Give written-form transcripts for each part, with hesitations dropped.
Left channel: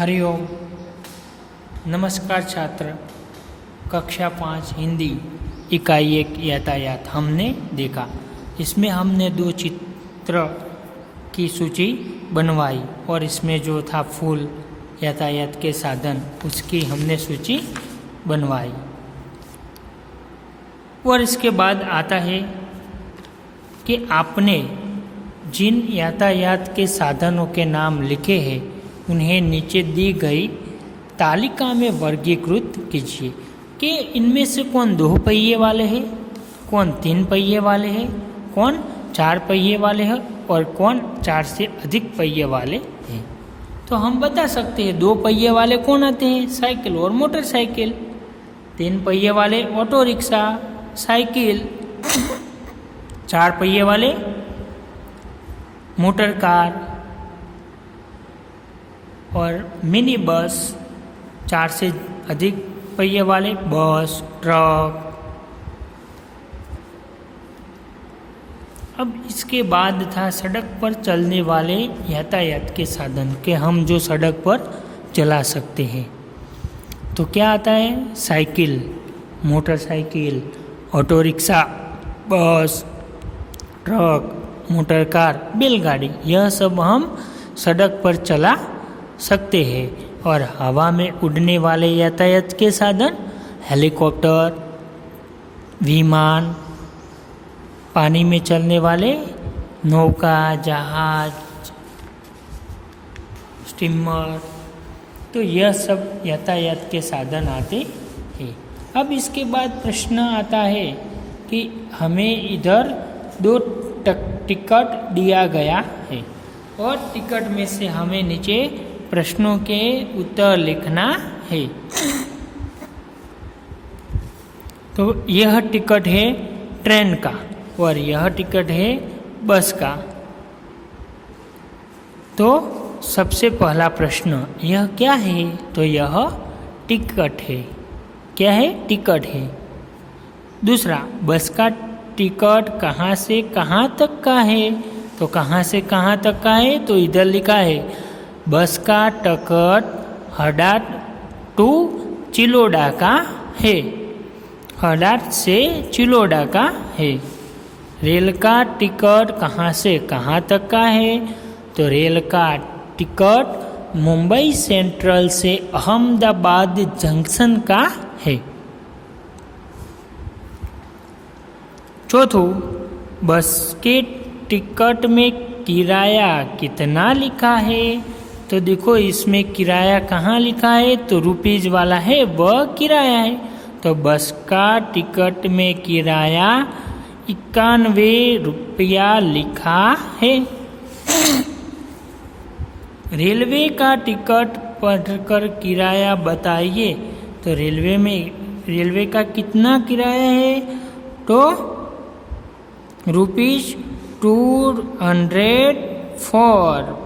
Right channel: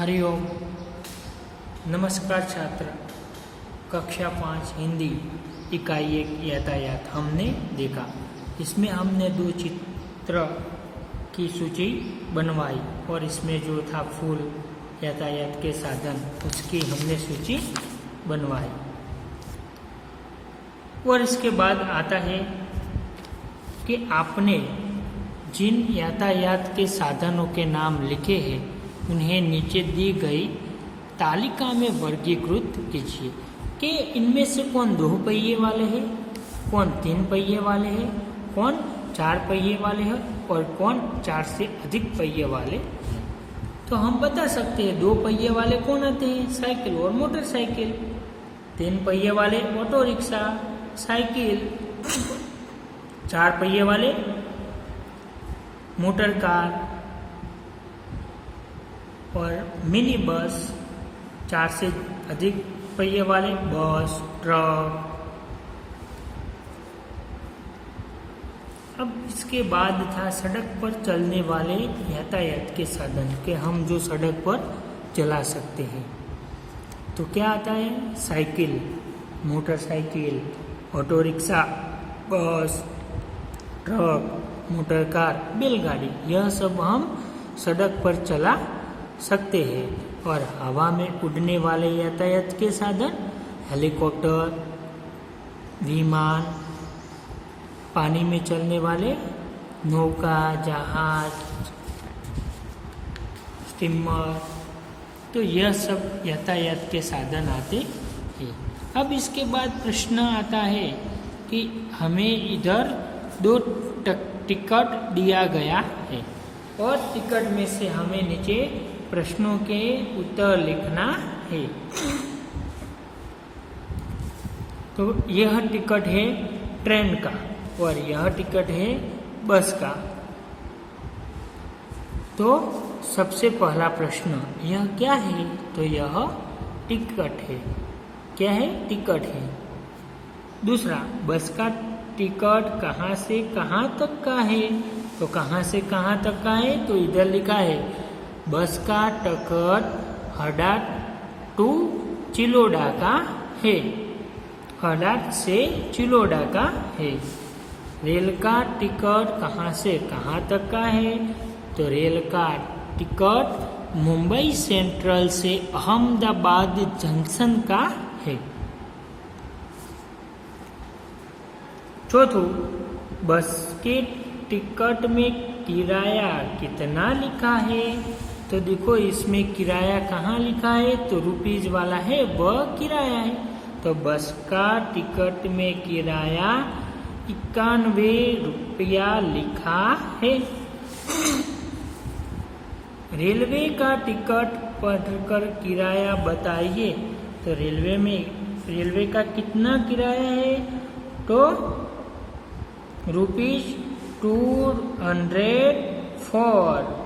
हरिओम। नमस्कार छात्र। कक्षा 5 हिंदी इकाई 1 यातायात हमने देखा। इसमें हमने 2 चित्र की सूची बनवाई और इसमें जो था फूल यातायात के साधन उसकी हमने सूची बनवाई। और इसके बाद आता है कि आपने जिन यातायात के साधनों के नाम लिखे हैं उन्हें नीचे दी गई तालिका में वर्गीकृत कीजिए कि इनमें से कौन 2 पहिए वाले हैं, कौन 3 पहिए वाले हैं, कौन 4 पहिए वाले हैं और कौन 4 से अधिक पहिए वाले हैं। तो हम बता सकते हैं 2 पहिए वाले कौन आते हैं, साइकिल और मोटरसाइकिल। 3 पहिए वाले ऑटो रिक्शा, साइकिल। 4 पहिए वाले मोटर कार और मिनी बस। 4 से अधिक पहिए वाले बस, ट्रक। अब इसके बाद था सड़क पर चलने वाले यातायात के साधन के हम जो सड़क पर चला सकते हैं। तो क्या आता है, साइकिल, मोटरसाइकिल, ऑटो रिक्शा, बस, ट्रक, मोटर कार, बैलगाड़ी। यह सब हम सड़क पर चला सकते हैं। और हवा में उड़ने वाले यातायात के साधन हेलीकॉप्टर, विमान, पानी में चलने वाले नौका, जहाज, स्टीमर। तो यह सब यातायात के साधन आते हैं। अब इसके बाद प्रश्न आता है कि हमें इधर 2 टिकट दिया गया है और टिकट में से हमें नीचे प्रश्नों के उत्तर लिखना है। तो यह टिकट है ट्रेन का और यह टिकट है बस का। तो सबसे पहला प्रश्न यह क्या है, तो यह टिकट है। क्या है, टिकट है। दूसरा, बस का टिकट कहाँ से कहाँ तक का है, तो कहाँ से कहाँ तक का है, तो इधर लिखा है बस का टिकट हड़ाट टू चिलोड़ा का है। हड़ाट से चिलोड़ा का है। रेल का टिकट कहाँ से कहाँ तक का है, तो रेल का टिकट मुंबई सेंट्रल से अहमदाबाद जंक्शन का है। चौथों, बस के टिकट में किराया कितना लिखा है, तो देखो इसमें किराया कहाँ लिखा है, तो रुपीज वाला है, वह किराया है। तो बस का टिकट में किराया 91 रुपया लिखा है। रेलवे का टिकट पढ़कर किराया बताइए, तो रेलवे का कितना किराया है, तो रुपीज 204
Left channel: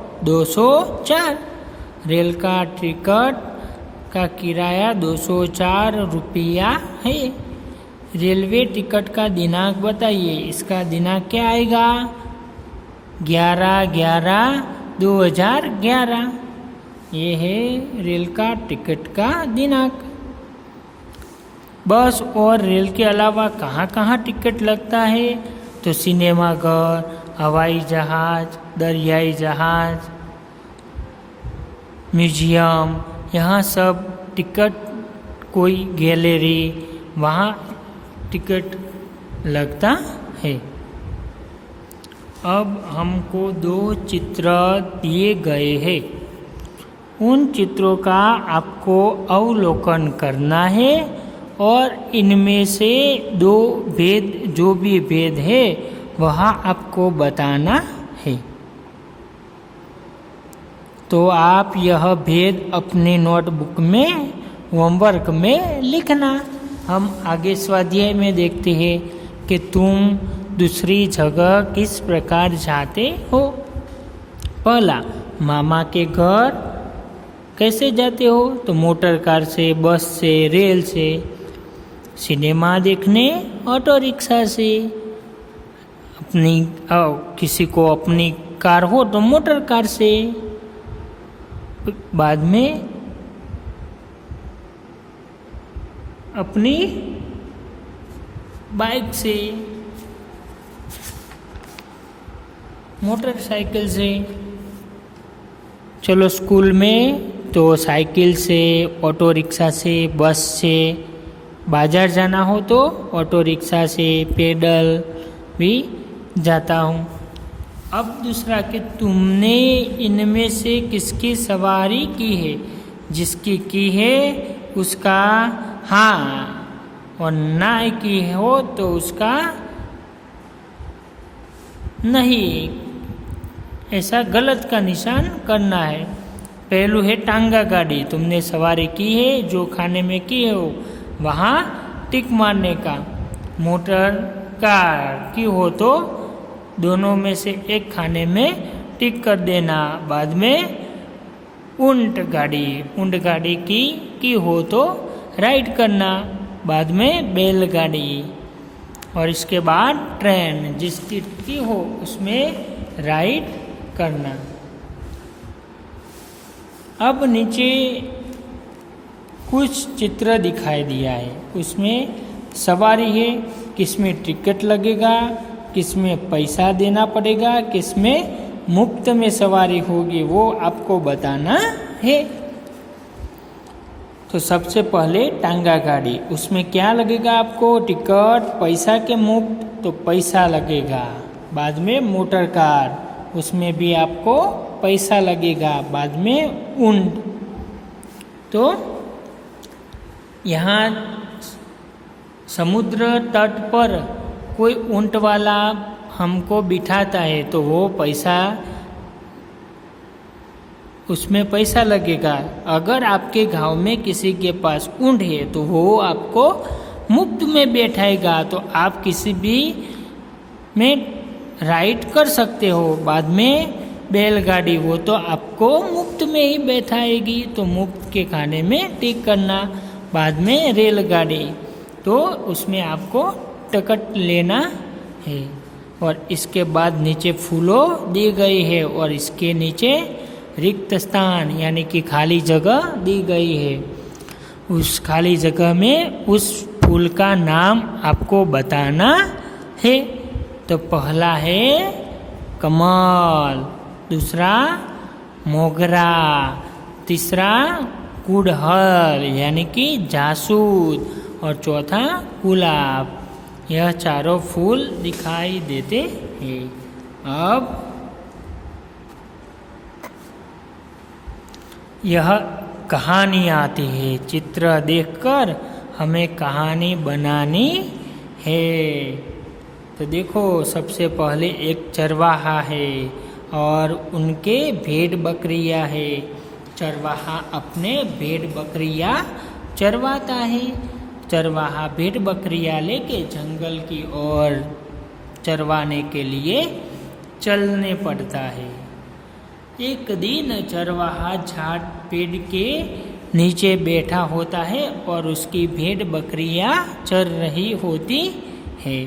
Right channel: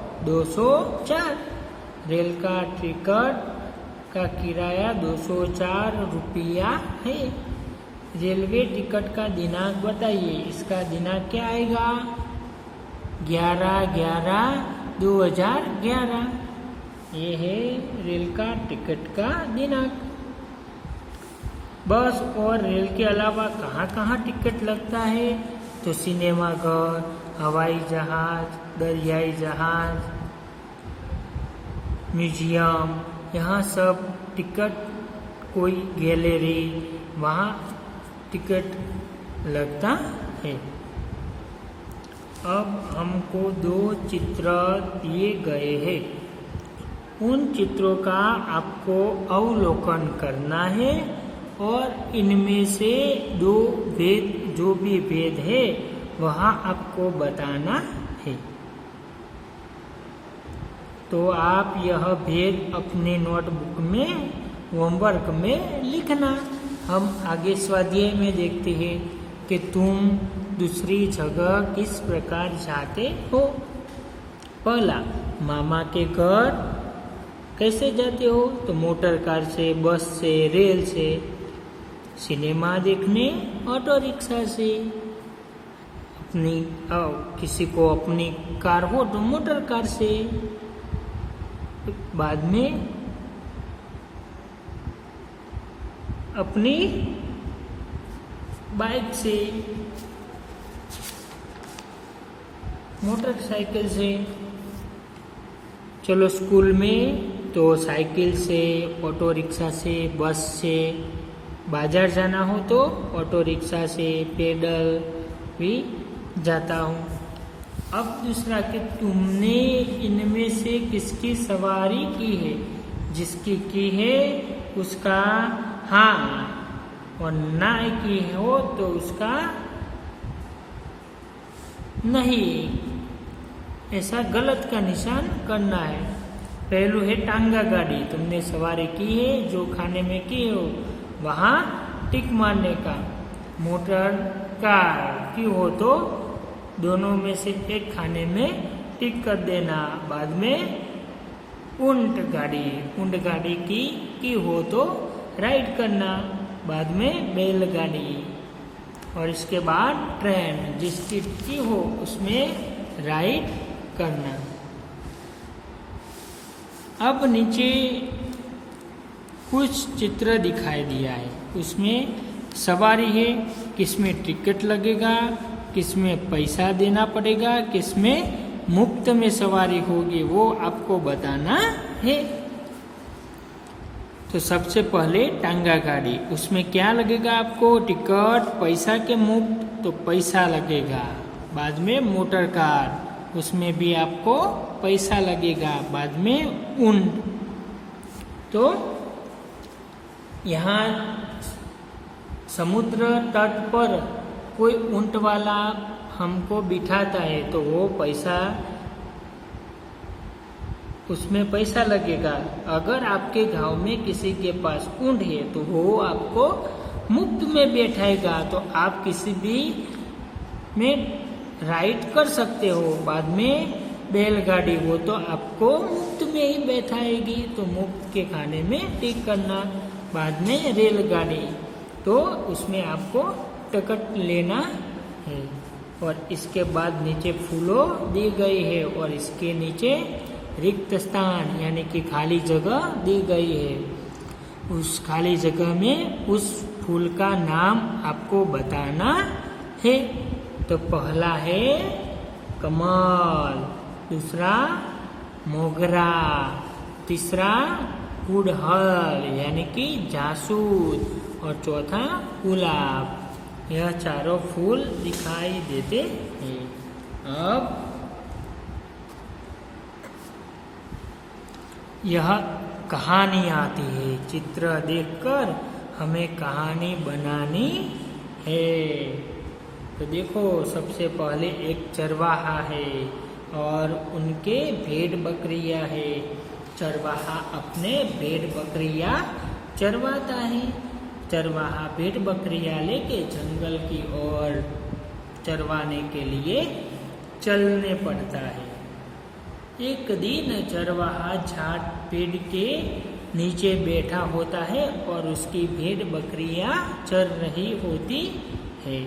रेल का टिकट का किराया 204 रुपया है। रेलवे टिकट का दिनांक बताइए, इसका दिनांक क्या आएगा, 11/11/2011। ये है रेल का टिकट का दिनांक। बस और रेल के अलावा कहाँ कहाँ टिकट लगता है, तो सिनेमाघर, हवाई जहाज, दरियाई जहाज, म्यूजियम, यहाँ सब टिकट, कोई गैलरी, वहाँ टिकट लगता है। अब हमको 2 चित्र दिए गए हैं। उन चित्रों का आपको अवलोकन करना है और इनमें से 2 भेद, जो भी भेद है वह आपको बताना है। तो आप यह भेद अपने नोटबुक में होमवर्क में लिखना। हम आगे स्वाध्याय में देखते हैं कि तुम दूसरी जगह किस प्रकार जाते हो। पहला, मामा के घर कैसे जाते हो, तो मोटर कार से, बस से, रेल से। सिनेमा देखने ऑटो रिक्शा से। किसी को अपनी कार हो तो मोटर कार से। बाद में अपनी बाइक से, मोटरसाइकिल से। चलो स्कूल में तो साइकिल से, ऑटो रिक्शा से, बस से। बाजार जाना हो तो ऑटो रिक्शा से, पैदल भी जाता हूँ। अब दूसरा कि तुमने इनमें से किसकी सवारी की है? जिसकी की है उसका हाँ, और ना की हो तो उसका नहीं। ऐसा गलत का निशान करना है। पहलू है टांगा गाड़ी, तुमने सवारी की है, जो खाने में की है हो वहाँ टिक मारने का। मोटर कार की हो तो दोनों में से एक खाने में टिक कर देना। बाद में ऊंट गाड़ी की हो तो राइड करना। बाद में बैलगाड़ी। और इसके बाद ट्रेन, जिसकी की हो उसमें राइड करना। अब नीचे कुछ चित्र दिखाई दिया है, उसमें सवारी है, किसमें टिकट लगेगा, किसमें पैसा देना पड़ेगा, किसमें मुफ्त में सवारी होगी, वो आपको बताना है। तो सबसे पहले टांगा गाड़ी, उसमें क्या लगेगा आपको? टिकट, पैसा के मुफ्त, तो पैसा लगेगा। बाद में मोटर कार, उसमें भी आपको पैसा लगेगा। बाद में ऊंट। तो यहाँ समुद्र तट पर कोई ऊंट वाला हमको बिठाता है तो वो पैसा, उसमें पैसा लगेगा। अगर आपके गांव में किसी के पास ऊंट है तो वो आपको मुफ्त में बैठाएगा, तो आप किसी भी में राइड कर सकते हो। बाद में बैलगाड़ी, वो तो आपको मुफ्त में ही बैठाएगी, तो मुफ्त के खाने में टिक करना। बाद में रेलगाड़ी, तो उसमें आपको टिकट लेना है। और इसके बाद नीचे फूलों दी गई है और इसके नीचे रिक्त स्थान यानी कि खाली जगह दी गई है। उस खाली जगह में उस फूल का नाम आपको बताना है। तो पहला है कमल, दूसरा मोगरा, तीसरा गुड़हल यानी कि जासूद, और चौथा गुलाब। यह चारों फूल दिखाई देते हैं। अब यह कहानी आती है। चित्र देखकर हमें कहानी बनानी है। तो देखो, सबसे पहले एक चरवाहा है और उनके भेड़ बकरियां है। चरवाहा अपने भेड़ बकरियां चरवाता है। चरवाहा भेड़ बकरियां लेके जंगल की ओर चरवाने के लिए चलने पड़ता है। एक दिन चरवाहा झाड़ पेड़ के नीचे बैठा होता है और उसकी भेड़ बकरियां चर रही होती है।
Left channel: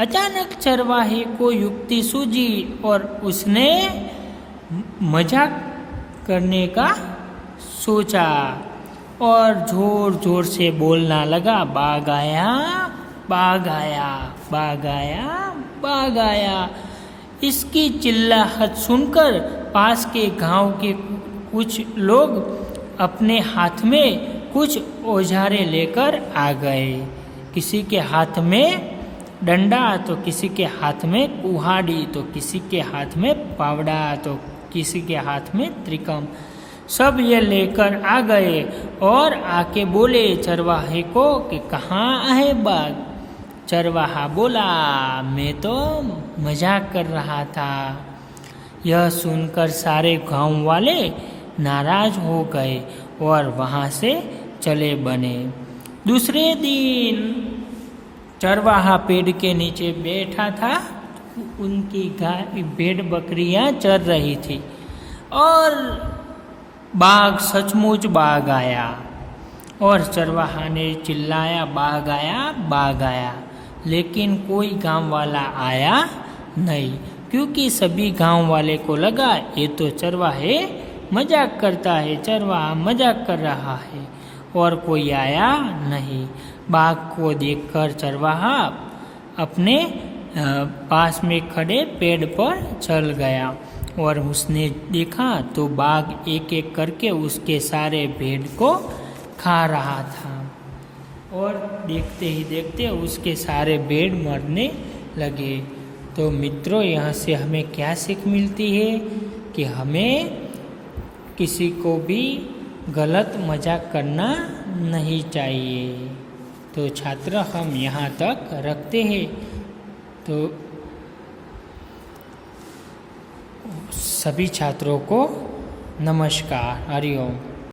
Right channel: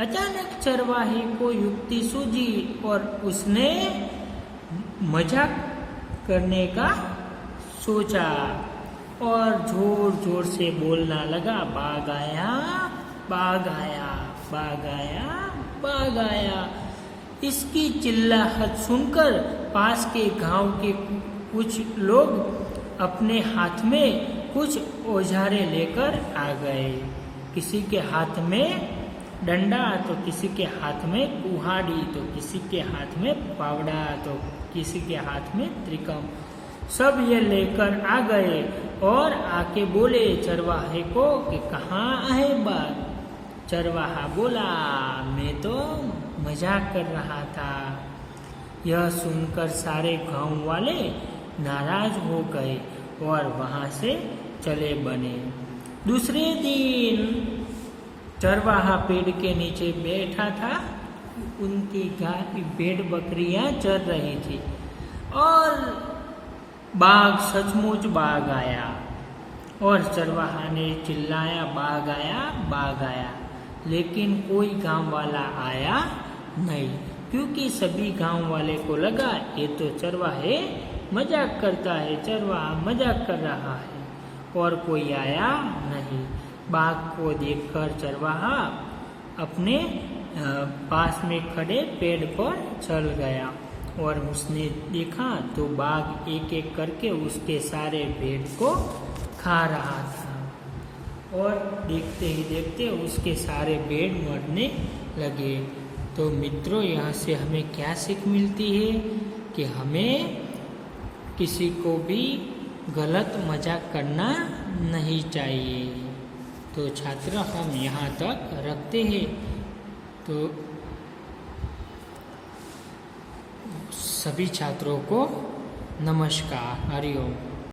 अचानक चरवाहे को युक्ति सूझी और उसने मजाक करने का सोचा और जोर जोर से बोलना लगा, बाघ आया, बाघ आया, बाघ आया, बाघ आया। इसकी चिल्लाहट सुनकर पास के गांव के कुछ लोग अपने हाथ में कुछ औजारे लेकर आ गए। किसी के हाथ में डंडा, तो किसी के हाथ में कुहाड़ी, तो किसी के हाथ में पावड़ा, तो किसी के हाथ में त्रिकम। सब ये लेकर आ गए और आके बोले चरवाहे को कि कहाँ है बाघ। चरवाहा बोला, मैं तो मजाक कर रहा था। यह सुनकर सारे गांव वाले नाराज हो गए और वहाँ से चले बने। दूसरे दिन चरवाहा पेड़ के नीचे बैठा था। उनकी गाय भेड़ बकरियां चर रही थी और बाघ, सचमुच बाघ आया। और चरवाहा ने चिल्लाया, बाघ आया, बाघ आया। लेकिन कोई गांव वाला आया नहीं, क्योंकि सभी गांव वाले को लगा ये तो चरवाहे मजाक करता है, चरवाहा मजाक कर रहा है। और कोई आया नहीं। बाघ को देखकर चरवाहा अपने पास में खड़े पेड़ पर चल गया और उसने देखा तो बाघ एक एक करके उसके सारे भेड़ को खा रहा था। और देखते ही देखते उसके सारे भेड़ मरने लगे। तो मित्रों, यहाँ से हमें क्या सीख मिलती है कि हमें किसी को भी गलत मजाक करना नहीं चाहिए। तो छात्र, हम यहाँ तक रखते हैं। तो सभी छात्रों को नमस्कार, हरि ओम।